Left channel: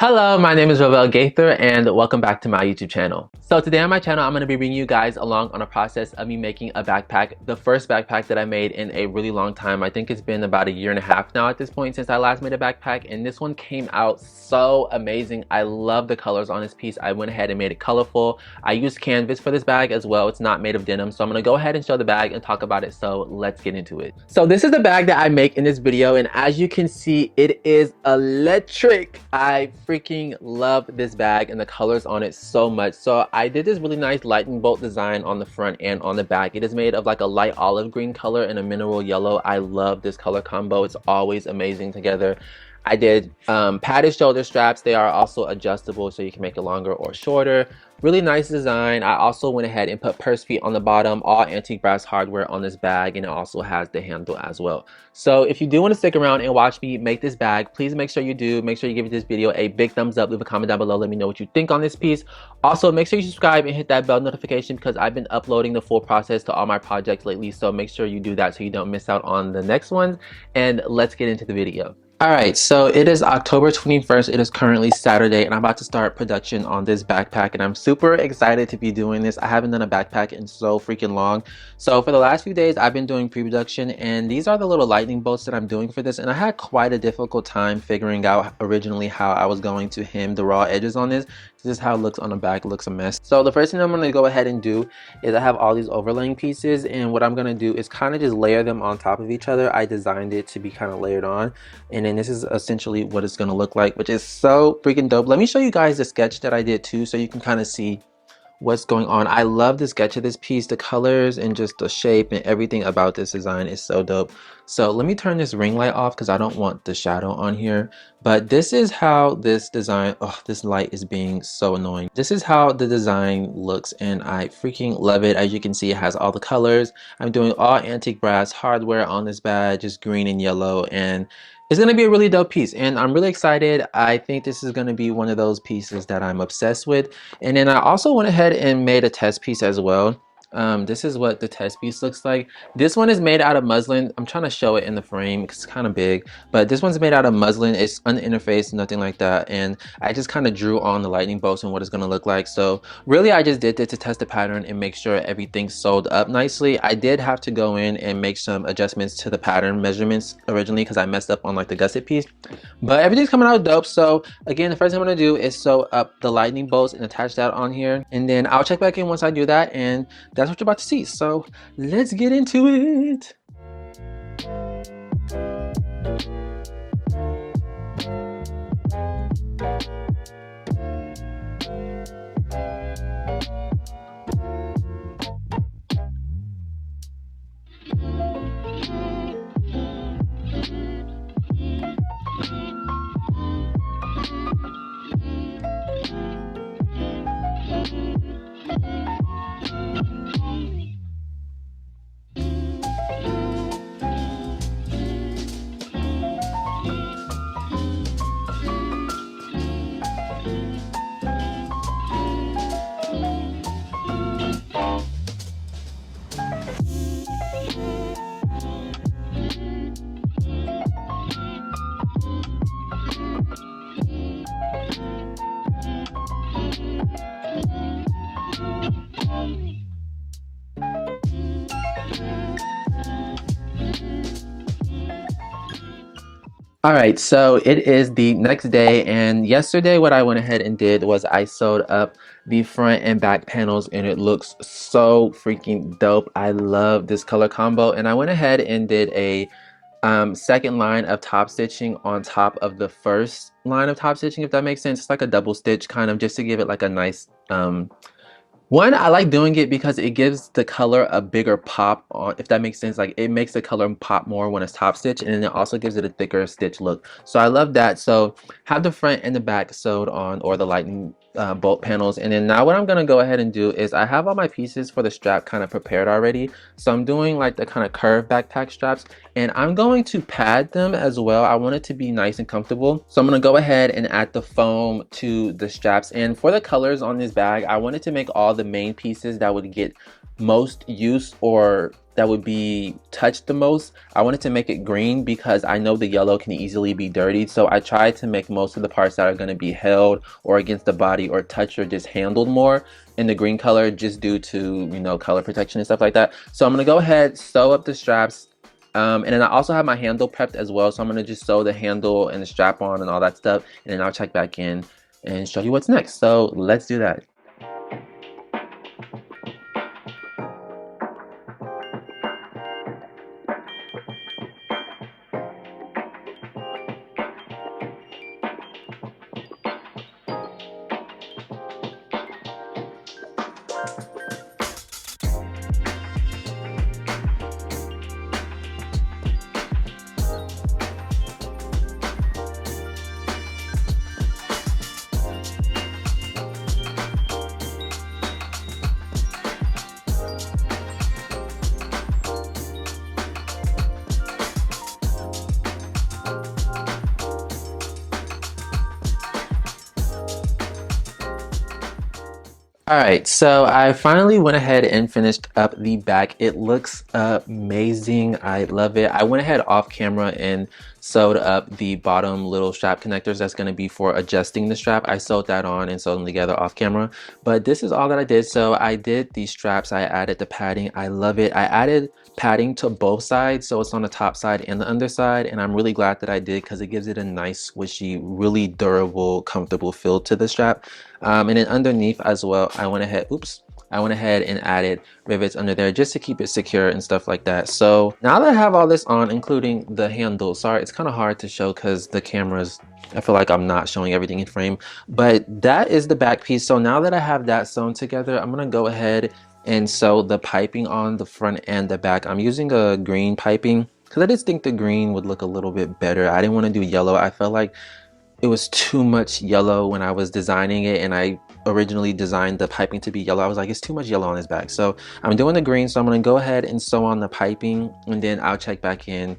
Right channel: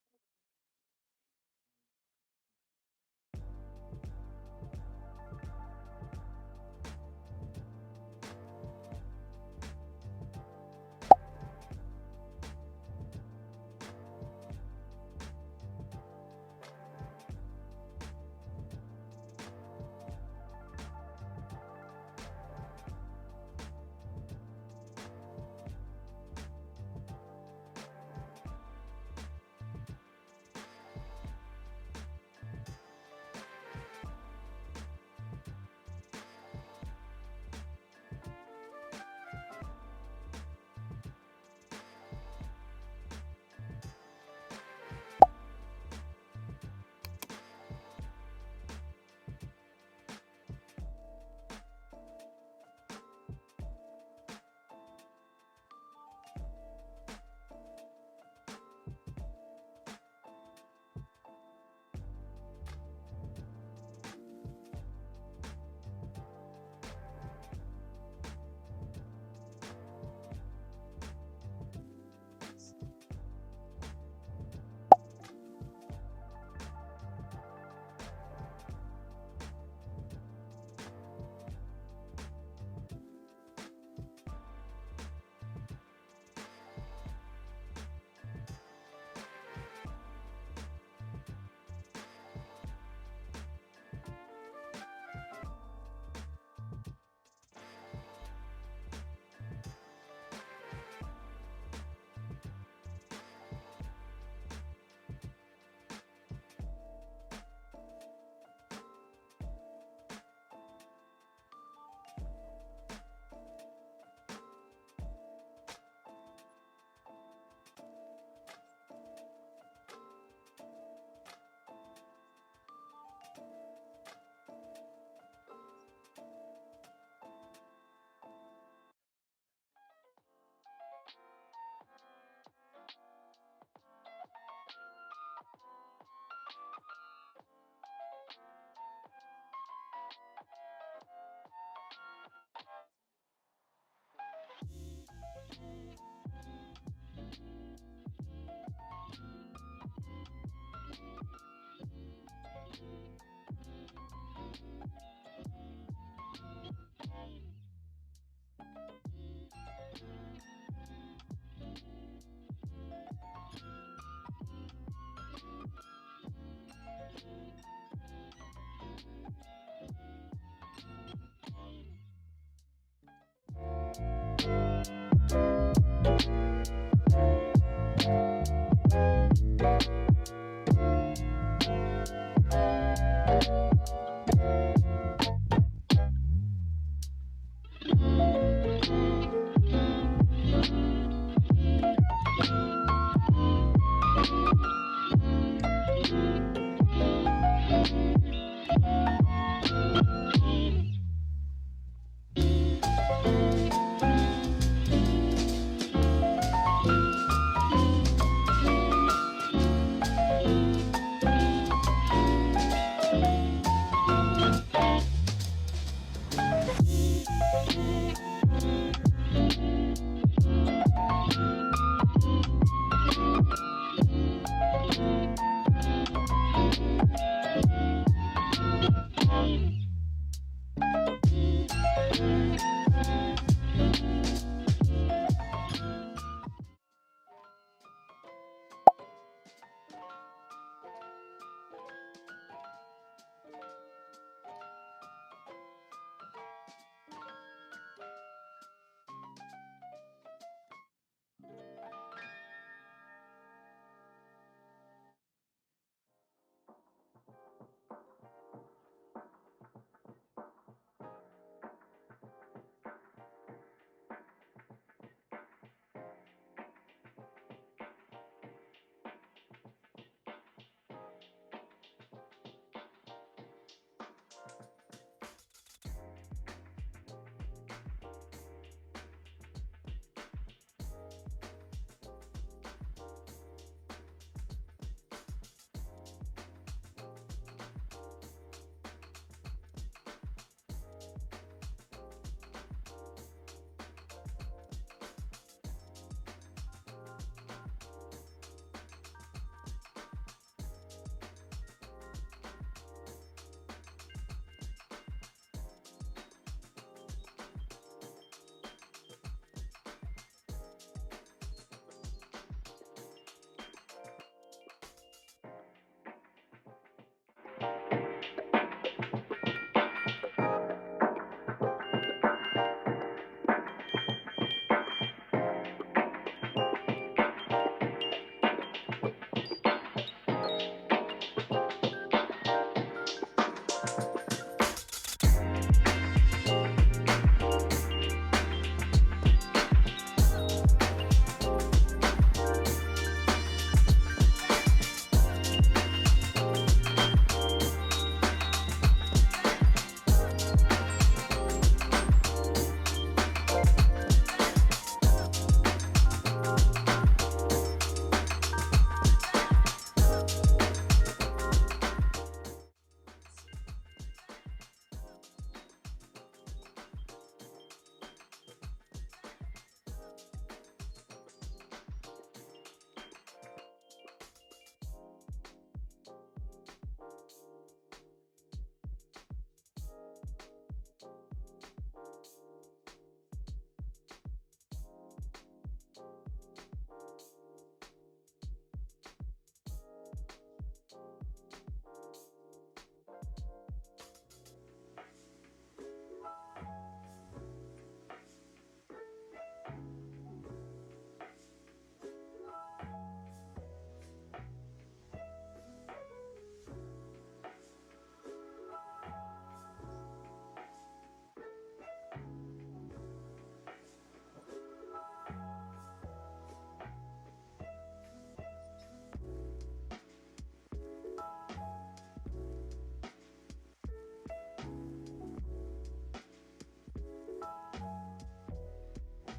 Hello, my name is Ravel Gaither and welcome back to my YouTube channel. So today on my channel, I'm going to be bringing you guys along on a process of me making a backpack, the first backpack that I made in a really long time. I think it's been about a year and a half now at this point since I last made a backpack, and this one came out so amazing. I love the colors on this piece. I went ahead and made it colorful. I used canvas for this bag as well. It's not made of denim, so I'm going to go ahead and show the bag and talk about it. So let's get into it. So this is the bag that I make in this video, and as you can see, it is electric. I freaking love this bag and the colors on it so much. So I did this really nice lightning bolt design on the front and on the back. It is made of like a light olive green color and a mineral yellow. I love this color combo. It's always amazing together. I did padded shoulder straps. They are also adjustable, so you can make it longer or shorter. Really nice design. I also went ahead and put purse feet on the bottom, all antique brass hardware on this bag, and it also has the handle as well. So if you do want to stick around and watch me make this bag, please make sure you do. Make sure you give this video a big thumbs up, leave a comment down below, let me know what you think on this piece. Also, make sure you subscribe and hit that bell notification because I've been uploading the full process to all my projects lately, so make sure you do that so you don't miss out on the next ones. And let's get into the video. Alright, so it is October 21st, it is currently Saturday, and I'm about to start production on this backpack, and I'm super excited to be doing this. I haven't done a backpack in so freaking long. So for the last few days, I've been doing pre-production, and these are the little lightning bolts that I'm doing for this, and I had quite a difficult time figuring out originally how I was going to hem the raw edges on this. This is how it looks on the back. It looks a mess. So the first thing I'm going to go ahead and do is I have all these overlaying pieces, and what I'm going to do is kind of just layer them on top of each other. I designed it to be kind of layered on, and then this is essentially what it's going to look like, which is so freaking dope. Let me show you guys the sketch that I did too, so you can kind of see what's going on. I love the sketch of this piece. The colors and just the shape and everything about this design is so dope. So let me turn this ring light off because I don't want the shadow on here. But this is how this design, oh, this light is being so annoying. This is how the design looks, and I freaking love it. As you can see, it has all the colors. I'm doing all antique brass hardware on this bag, just green and yellow, and it's going to be a really dope piece, and I'm really excited. I think this is going to be one of those pieces that I'm obsessed with. And then I also went ahead and made a test piece as well. This is what the test piece looks like. This one is made out of muslin. I'm trying to show it in the frame because it's kind of big, but this one's made out of muslin. It's uninterfaced, nothing like that, and I just kind of drew on the lightning bolts and what it's going to look like. So really I just did this to test the pattern and make sure everything sewed up nicely. I did have to go in and make some adjustments to the pattern measurements originally because I messed up on like the gusset piece, but everything's coming out dope. So again, the first thing I'm going to do is sew up the lightning bolts and attach that on here, and then I'll check back in once I do that, and that's what you're about to see. So let's get into it. Alright, so it is the next day, and yesterday what I went ahead and did was I sewed up the front and back panels, and it looks so freaking dope. I love this color combo, and I went ahead and did a second line of top stitching on top of the first line of top stitching, if that makes sense. It's like a double stitch kind of, just to give it like a nice one, I like doing it because it gives the color a bigger pop, if that makes sense. Like, it makes the color pop more when it's top stitch, and then it also gives it a thicker stitch look. So I love that. So have the front and the back sewed on, or the lightning bolt panels. And then now what I'm gonna go ahead and do is I have all my pieces for the strap kind of prepared already. So I'm doing like the kind of curved backpack straps, and I'm going to pad them as well. I want it to be nice and comfortable. So I'm gonna go ahead and add the foam to the straps. And for the colors on this bag, I wanted to make all the main pieces that would get most use or that would be touched the most. I wanted to make it green because I know the yellow can easily be dirtied. So I tried to make most of the parts that are gonna be held or against the body or touched or just handled more in the green color, just due to, you know, color protection and stuff like that. So I'm gonna go ahead, sew up the straps. And then I also have my handle prepped as well. So I'm gonna just sew the handle and the strap on and all that stuff. And then I'll check back in and show you what's next. So let's do that. All right, so I finally went ahead and finished up the back. It looks amazing. I love it. I went ahead off camera and sewed up the bottom little strap connectors that's going to be for adjusting the strap. I sewed that on and sewed them together off camera, but this is all that I did. So I did these straps, I added the padding. I love it. I added padding to both sides, so it's on the top side and the underside, and I'm really glad that I did because it gives it a nice squishy, really durable, comfortable feel to the strap. And then underneath as well, I went ahead and added rivets under there just to keep it secure and stuff like that. So now that I have all this on, including the handle, sorry, it's kind of hard to show because the cameras, I feel like I'm not showing everything in frame, but that is the back piece. So now that I have that sewn together, I'm gonna go ahead and sew the piping on the front and the back. I'm using a green piping because I just think the green would look a little bit better. I didn't want to do yellow. I felt like it was too much yellow when I was designing it, and I originally designed the piping to be yellow. I was like, it's too much yellow on this back. So I'm doing the green, so I'm gonna go ahead and sew on the piping, and then I'll check back in.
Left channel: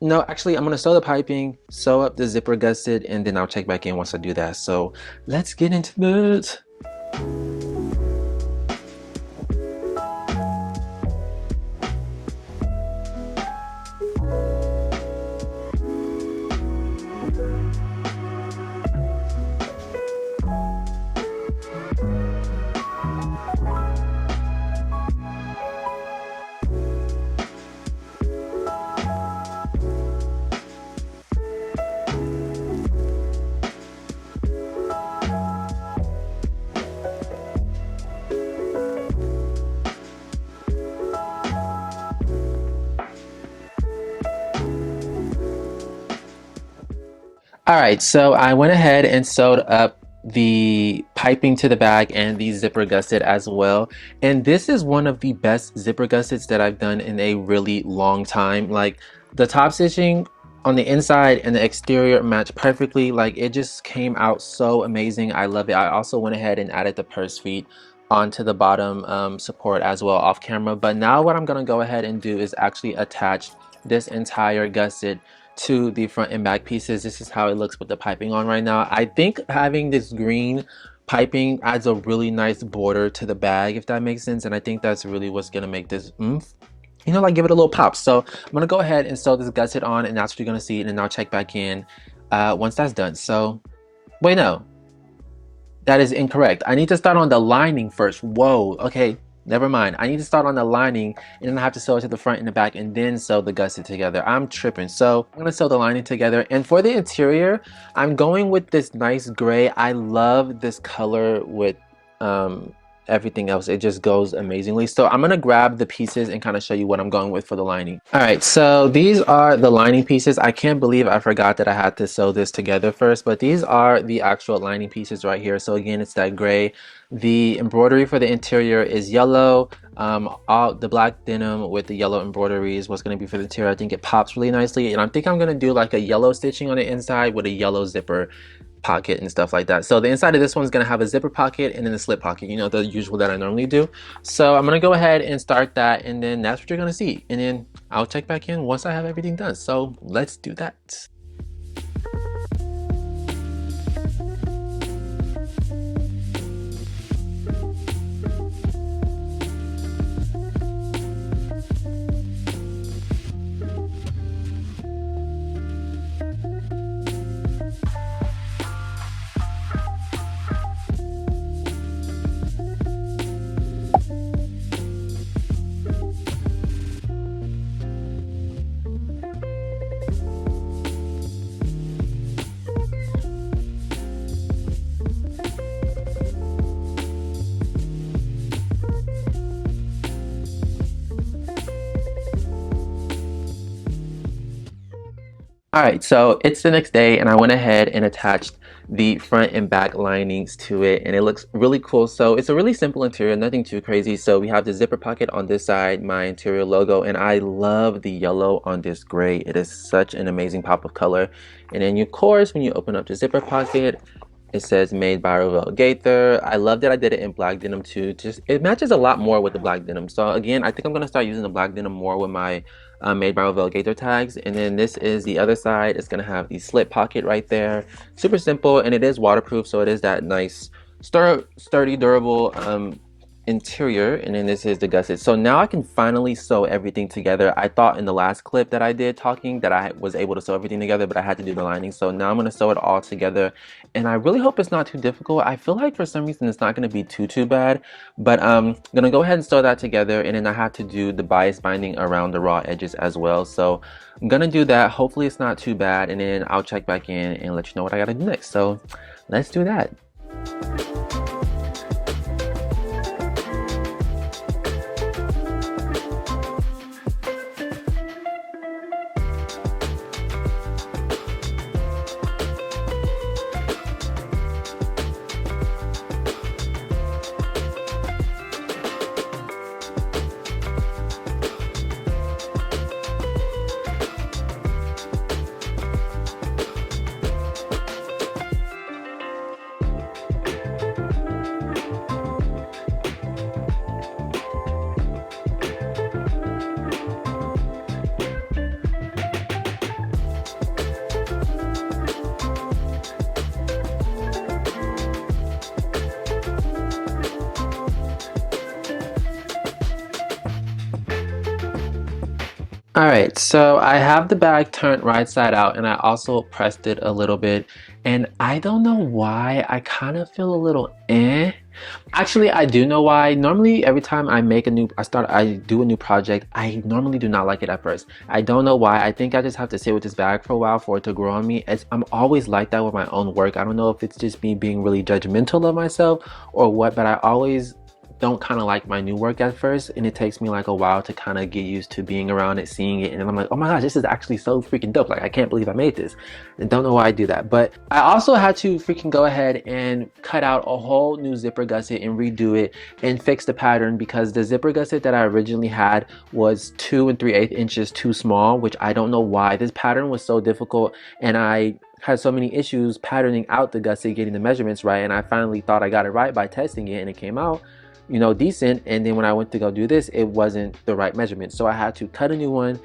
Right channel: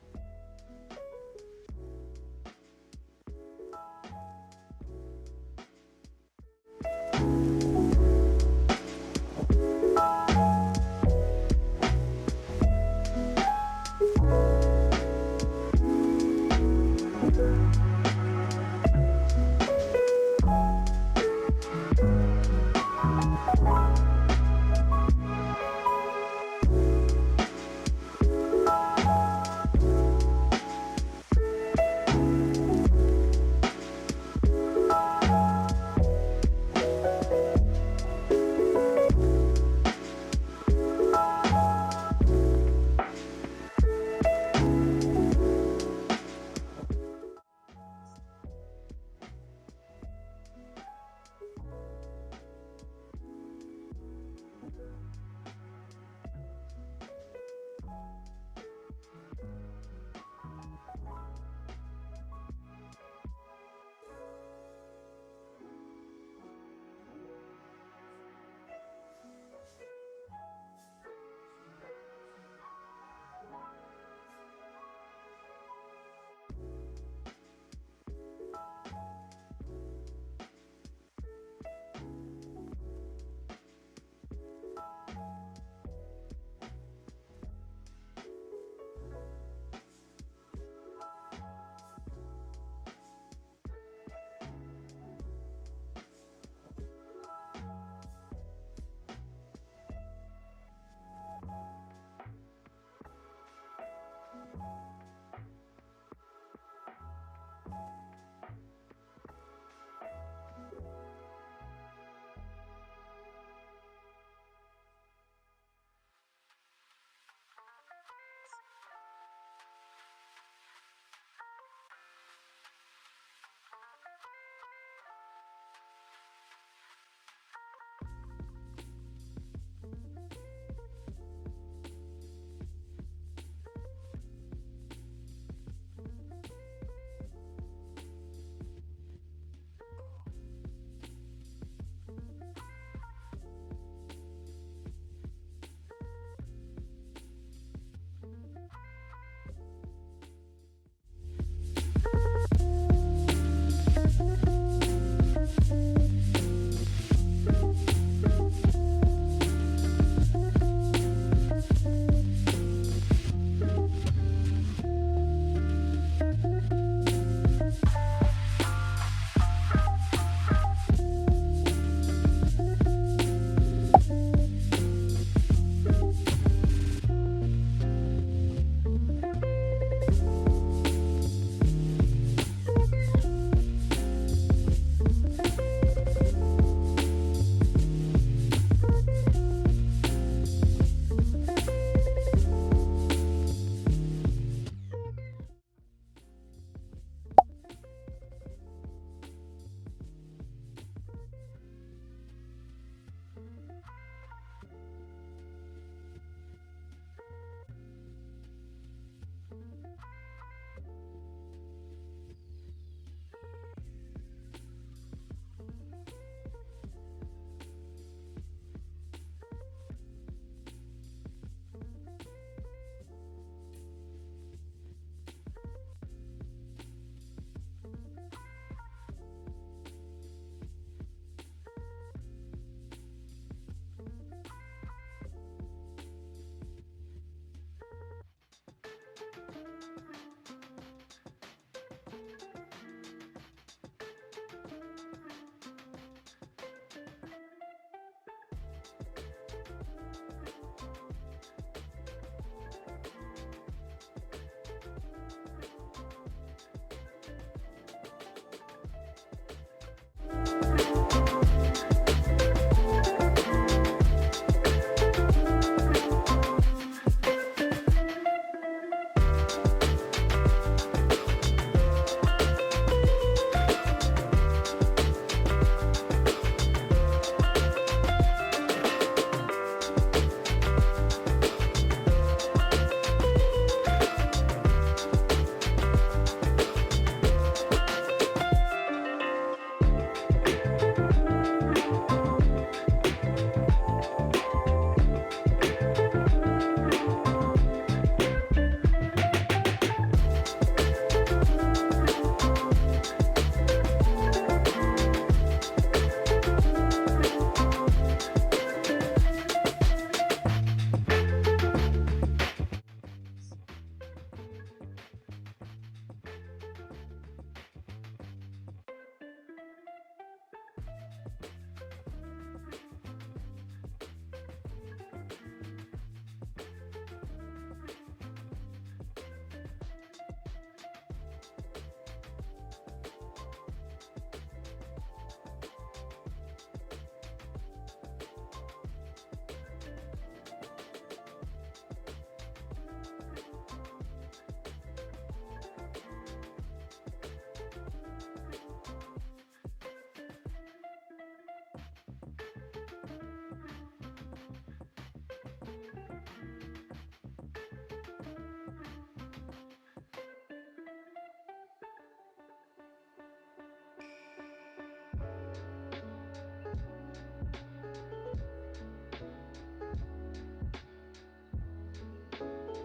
No, actually, I'm gonna sew the piping, sew up the zipper gusset, and then I'll check back in once I do that. So let's get into it. All right, so I went ahead and sewed up the piping to the bag and the zipper gusset as well. And this is one of the best zipper gussets that I've done in a really long time. Like, the top stitching on the inside and the exterior match perfectly. Like, it just came out so amazing. I love it. I also went ahead and added the purse feet onto the bottom support as well off camera. But now what I'm gonna go ahead and do is actually attach this entire gusset to the front and back pieces. This is how it looks with the piping on right now. I think having this green piping adds a really nice border to the bag, if that makes sense, and I think that's really what's gonna make this you know, like, give it a little pop. So I'm gonna go ahead and sew this gusset on, and that's what you're gonna see, and then I'll check back in once that's done. So wait, no, that is incorrect. I need to start on the lining first. Whoa, okay, never mind. I need to start on the lining, and then I have to sew it to the front and the back, and then sew the gusset together. I'm tripping. So I'm gonna sew the lining together, and for the interior, I'm going with this nice gray. I love this color with everything else. It just goes amazingly. So I'm gonna grab the pieces and kind of show you what I'm going with for the lining. All right, so these are the lining pieces. I can't believe I forgot that I had to sew this together first, but these are the actual lining pieces right here. So again, it's that gray. The embroidery for the interior is yellow. All the black denim with the yellow embroidery is what's going to be for the interior. I think it pops really nicely, and I think I'm going to do like a yellow stitching on the inside with a yellow zipper. pocket and stuff like that. So the inside of this one's gonna have a zipper pocket and then a slip pocket, you know, the usual that I normally do. So I'm gonna go ahead and start that, and then that's what you're gonna see. And then I'll check back in once I have everything done. So let's do that. All right, so it's the next day and I went ahead and attached the front and back linings to it, and it looks really cool. So it's a really simple interior, nothing too crazy. So we have the zipper pocket on this side, my interior logo, and I love the yellow on this gray. It is such an amazing pop of color. And then of course, when you open up the zipper pocket, it says made by Revell Gaither. I love that I did it in black denim too. Just it matches a lot more with the black denim. So again, I think I'm gonna start using the black denim more with my made by Revell Gaither tags. And then this is the other side. It's gonna have the slip pocket right there. Super simple, and it is waterproof, so it is that nice sturdy, durable interior. And then this is the gusset. So now I can finally sew everything together. I thought in the last clip that I did talking that I was able to sew everything together, but I had to do the lining. So now I'm going to sew it all together, and I really hope it's not too difficult. I feel like for some reason it's not going to be too bad, but I'm going to go ahead and sew that together. And then I have to do the bias binding around the raw edges as well. So I'm going to do that. Hopefully it's not too bad, and then I'll check back in and let you know what I got to do next. So let's do that. All right, so I have the bag turned right side out, and I also pressed it a little bit, and I don't know why I kind of feel a little Actually, I do know why. Normally every time I do a new project, I normally do not like it at first. I don't know why. I think I just have to sit with this bag for a while for it to grow on me. I'm always like that with my own work. I don't know if it's just me being really judgmental of myself or what, but I always don't kind of like my new work at first, and it takes me like a while to kind of get used to being around it, seeing it, and I'm like, oh my gosh, this is actually so freaking dope. Like, I can't believe I made this. I don't know why I do that, but I also had to freaking go ahead and cut out a whole new zipper gusset and redo it and fix the pattern, because the zipper gusset that I originally had was 2 3/8 inches too small, which I don't know why. This pattern was so difficult, and I had so many issues patterning out the gusset, getting the measurements right, and I finally thought I got it right by testing it, and it came out, you know, decent. And then when I went to go do this, it wasn't the right measurement, so I had to cut a new one,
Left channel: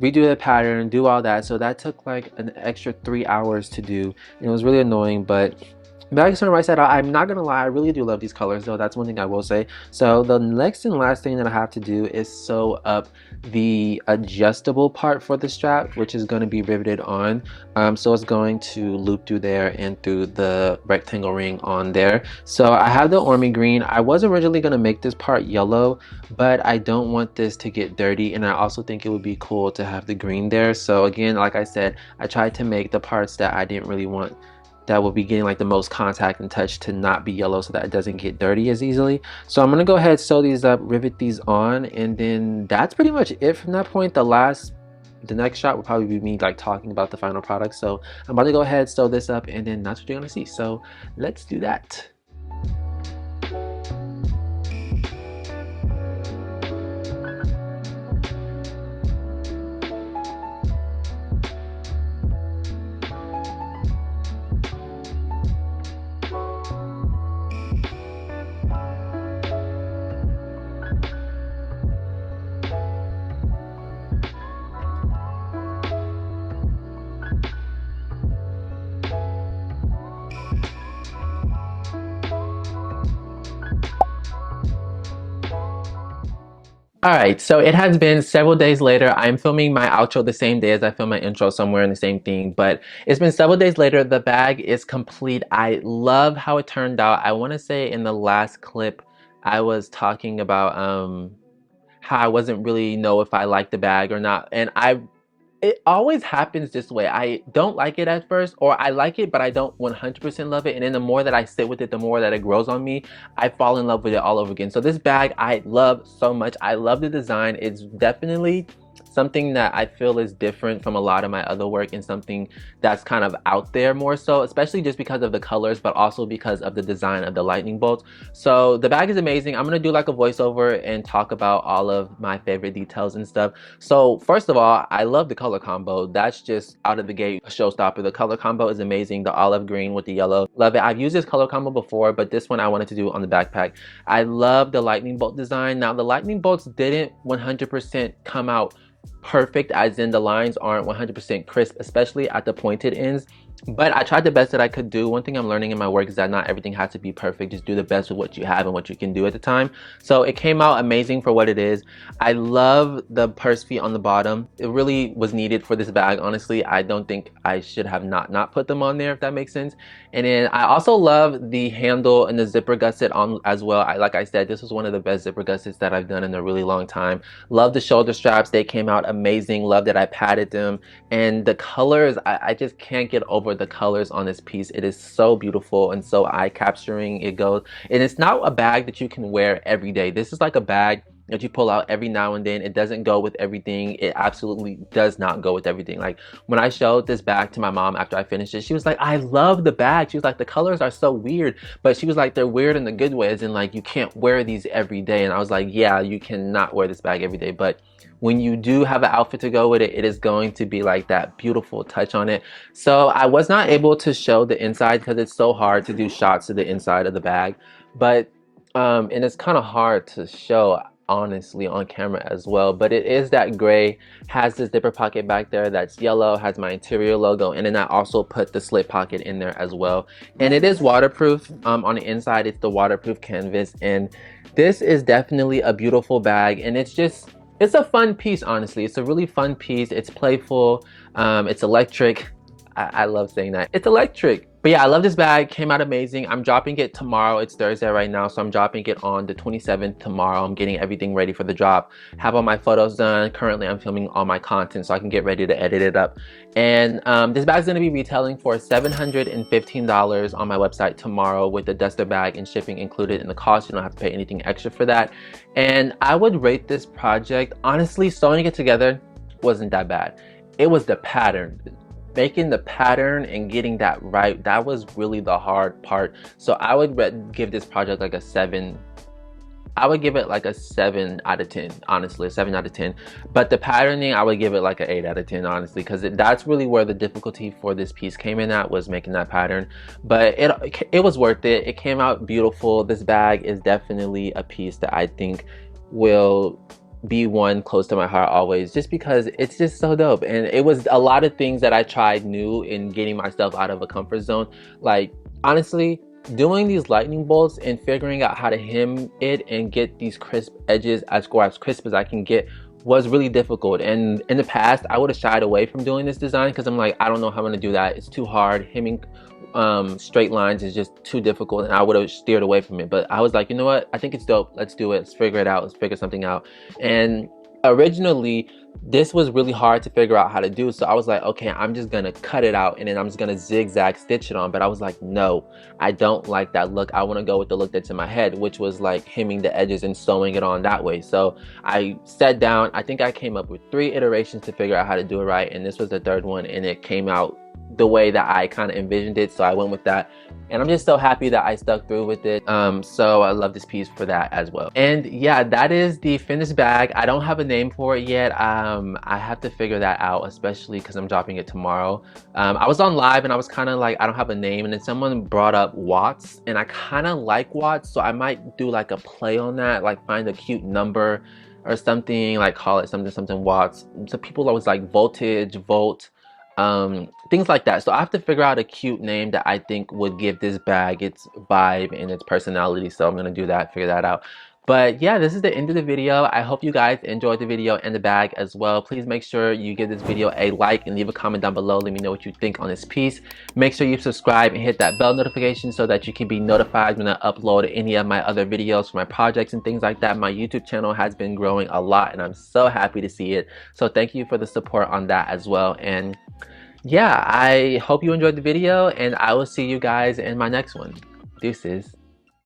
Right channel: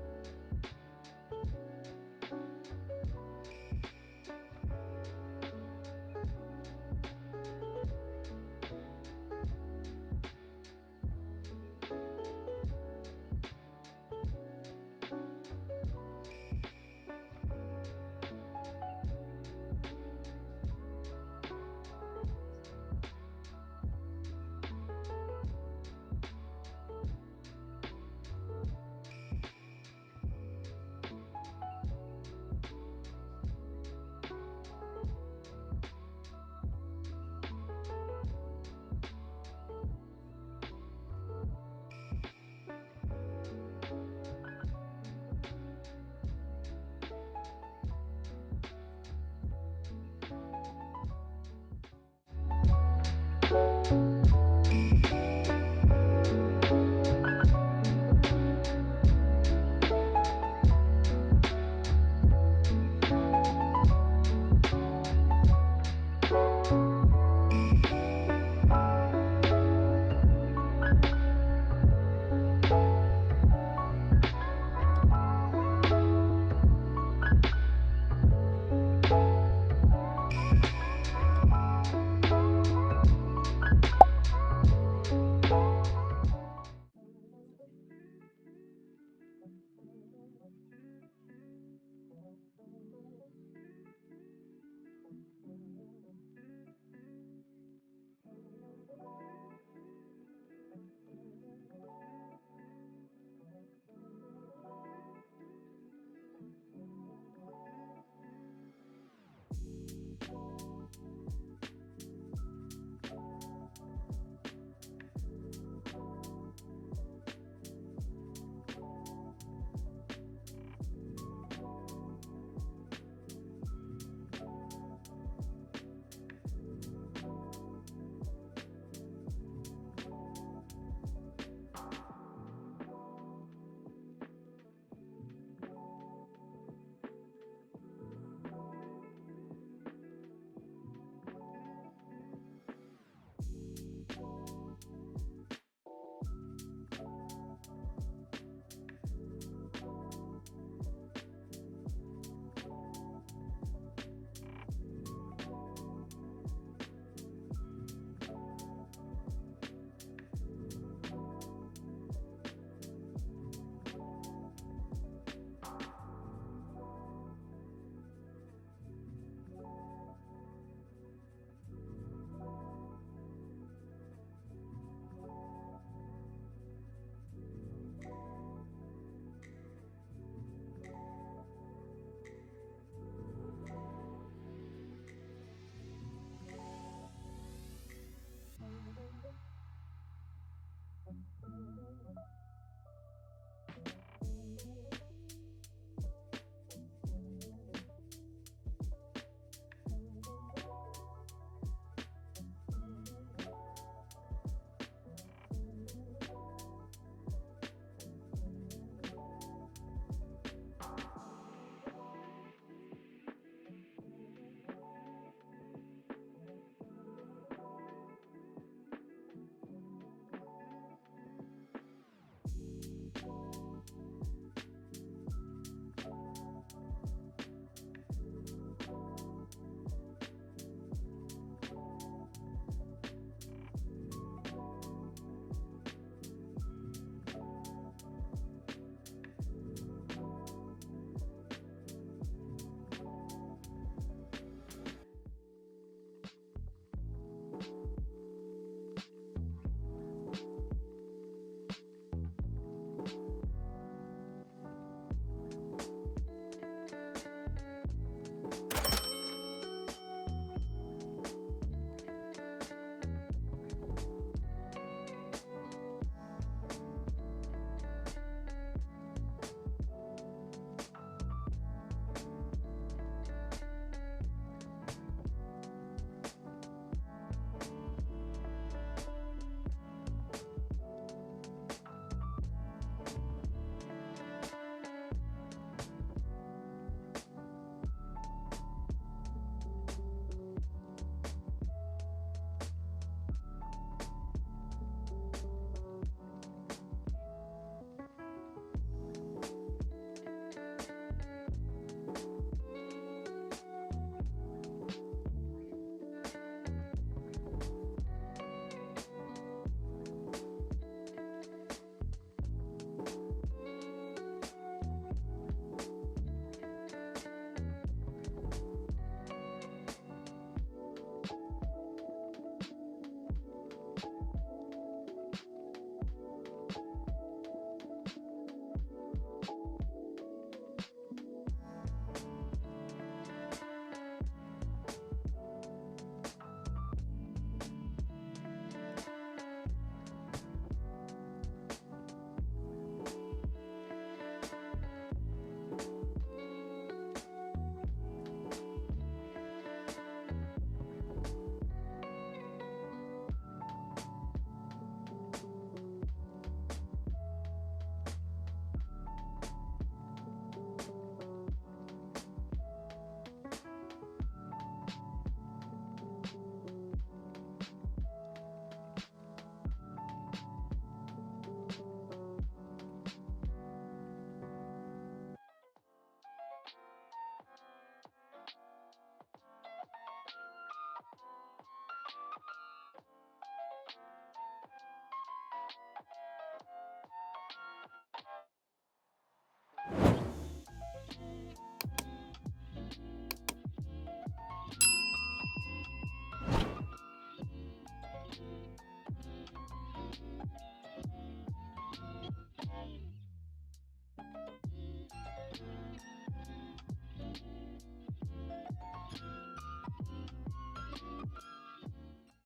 redo the pattern, do all that. So that took like an extra 3 hours to do, and it was really annoying. But bag is on the right side out. I'm not gonna lie, I really do love these colors though. That's one thing I will say. So the next and last thing that I have to do is sew up the adjustable part for the strap, which is going to be riveted on. So it's going to loop through there and through the rectangle ring on there. So I have the army green. I was originally going to make this part yellow, but I don't want this to get dirty, and I also think it would be cool to have the green there. So again, like I said, I tried to make the parts that I didn't really want, that will be getting like the most contact and touch, to not be yellow so that it doesn't get dirty as easily. So I'm gonna go ahead, sew these up, rivet these on, and then that's pretty much it from that point. The next shot will probably be me like talking about the final product. So I'm about to go ahead, sew this up, and then that's what you're gonna see. So let's do that. All right, so it has been several days later. I'm filming my outro the same day as I film my intro, somewhere in the same thing, but it's been several days later. The bag is complete. I love how it turned out. I want to say in the last clip, I was talking about how I wasn't really know if I liked the bag or not, and it always happens this way. I don't like it at first, or I like it, but I don't 100% love it. And then the more that I sit with it, the more that it grows on me, I fall in love with it all over again. So this bag, I love so much. I love the design. It's definitely something that I feel is different from a lot of my other work and something that's kind of out there more so, especially just because of the colors, but also because of the design of the lightning bolts. So the bag is amazing. I'm gonna do like a voiceover and talk about all of my favorite details and stuff. So first of all, I love the color combo. That's just out of the gate a showstopper. The color combo is amazing. The olive green with the yellow, love it. I've used this color combo before, but this one I wanted to do on the backpack. I love the lightning bolt design. Now the lightning bolts didn't 100% come out perfect, as in the lines aren't 100% crisp, especially at the pointed ends, but I tried the best that I could do. One thing I'm learning in my work is that not everything has to be perfect. Just do the best with what you have and what you can do at the time. So it came out amazing for what it is. I love the purse feet on the bottom. It really was needed for this bag. Honestly, I don't think I should have not put them on there, if that makes sense. And then I also love the handle and the zipper gusset on as well. Like I said, this was one of the best zipper gussets that I've done in a really long time. Love the shoulder straps. They came out amazing. Love that I padded them. And the colors, I just can't get over the colors on this piece. It is so beautiful and so eye-capturing. It goes, and it's not a bag that you can wear every day. This is like a bag that you pull out every now and then. It doesn't go with everything. It absolutely does not go with everything. Like when I showed this bag to my mom after I finished it, she was like, I love the bag. She was like, the colors are so weird, but she was like, they're weird in the good ways, and like you can't wear these every day. And I was like, yeah, you cannot wear this bag every day, but when you do have an outfit to go with it, it is going to be like that beautiful touch on it. So I was not able to show the inside because it's so hard to do shots of the inside of the bag, but and it's kind of hard to show honestly on camera as well, but it is that gray, has this zipper pocket back there that's yellow, has my interior logo, and then I also put the slip pocket in there as well. And it is waterproof. On the inside it's the waterproof canvas, and this is definitely a beautiful bag, and it's a fun piece. Honestly, it's a really fun piece. It's playful, it's electric. I love saying that. It's electric. But yeah, I love this bag. Came out amazing. I'm dropping it tomorrow. It's Thursday right now, so I'm dropping it on the 27th tomorrow. I'm getting everything ready for the drop. Have all my photos done. Currently, I'm filming all my content so I can get ready to edit it up. And this bag's gonna be retailing for $715 on my website tomorrow with the duster bag and shipping included in the cost. You don't have to pay anything extra for that. And I would rate this project, honestly, sewing it together wasn't that bad. It was the pattern. Making the pattern and getting that right, that was really the hard part. So I would give this project like a 7. I would give it like a 7 out of 10, honestly, a 7 out of 10. But the patterning, I would give it like an 8 out of 10, honestly, because that's really where the difficulty for this piece came in at, was making that pattern. But it was worth it. It came out beautiful. This bag is definitely a piece that I think will be one close to my heart always, just because it's just so dope. And it was a lot of things that I tried new in getting myself out of a comfort zone. Like honestly, doing these lightning bolts and figuring out how to hem it and get these crisp edges as crisp as I can get was really difficult. And in the past I would have shied away from doing this design because I'm like, I don't know how I'm gonna do that. It's too hard. Hemming straight lines is just too difficult, and I would have steered away from it. But I was like, you know what, I think it's dope. Let's do it. Let's figure it out. Let's figure something out. And originally this was really hard to figure out how to do, so I was like, okay, I'm just gonna cut it out and then I'm just gonna zigzag stitch it on. But I was like, no, I don't like that look. I want to go with the look that's in my head, which was like hemming the edges and sewing it on that way. So I sat down. I think I came up with 3 iterations to figure out how to do it right, and this was the 3rd one, and it came out the way that I kind of envisioned it, so I went with that. And I'm just so happy that I stuck through with it. So I love this piece for that as well. And yeah, that is the finished bag. I don't have a name for it yet. I have to figure that out, especially because I'm dropping it tomorrow. I was on live and I was kind of like, I don't have a name, and then someone brought up Watts, and I kind of like Watts, so I might do like a play on that, like find a cute number or something, like call it something Watts. So people always like voltage, volt, things like that. So I have to figure out a cute name that I think would give this bag its vibe and its personality. So I'm gonna do that, figure that out. But yeah, this is the end of the video. I hope you guys enjoyed the video and the bag as well. Please make sure you give this video a like and leave a comment down below. Let me know what you think on this piece. Make sure you subscribe and hit that bell notification so that you can be notified when I upload any of my other videos for my projects and things like that. My YouTube channel has been growing a lot and I'm so happy to see it. So thank you for the support on that as well. And yeah, I hope you enjoyed the video and I will see you guys in my next one. Deuces.